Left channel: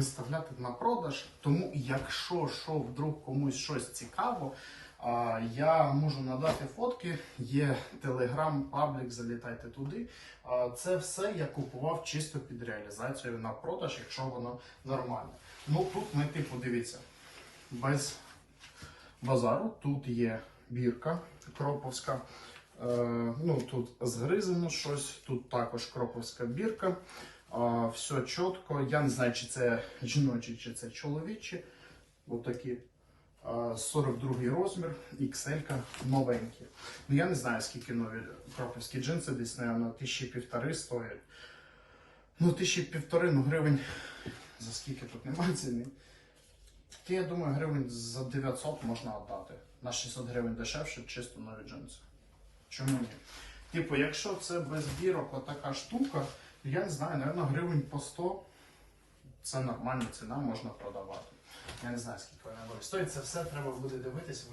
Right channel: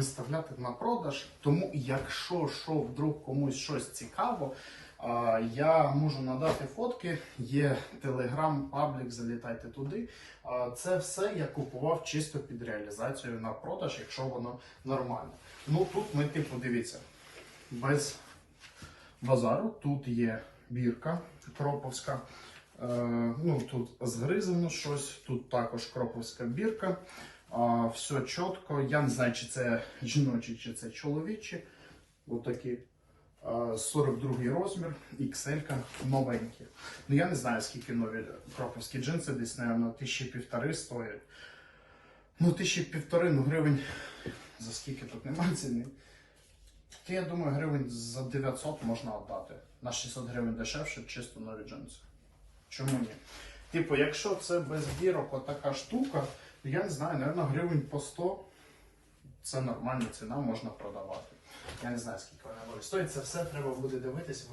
виставляти на продаж. Тому, якщо що вдруг комусь щось цікаво, я можу надати фотки. Є телеграм, паблік, залітайте туди. Це все я купував чисто під реалізацію на продаж, якщо воно нормально. Ну тут ми типу дивіться, без базару. Тут є бірка кроповська. Е, ну, тут згризано щось, тут також кроповська бірка. Все чітко. Я не знаю, чи це жіночі, чи це чоловічі. Отакі. А, 42 розмір, XL новенькі. Ну я не знаю, скільки нові кроповські джинси, десь, мабуть, тисячі півтори стоять. Ну, тисячі півтори, ну гривень. За скільки тут немає ціни. То я думаю, гривень за 900 можна віддати. На 600 гривень дешевше, чисто нові джинси. Чому ні? Типу, якщо це без бірок отака штука, я не знаю, напевно, гривень по 100 це нормальна ціна, можна продавати. Я не знаю, скільки вона буде стоїть. Це все треба буде дивитися.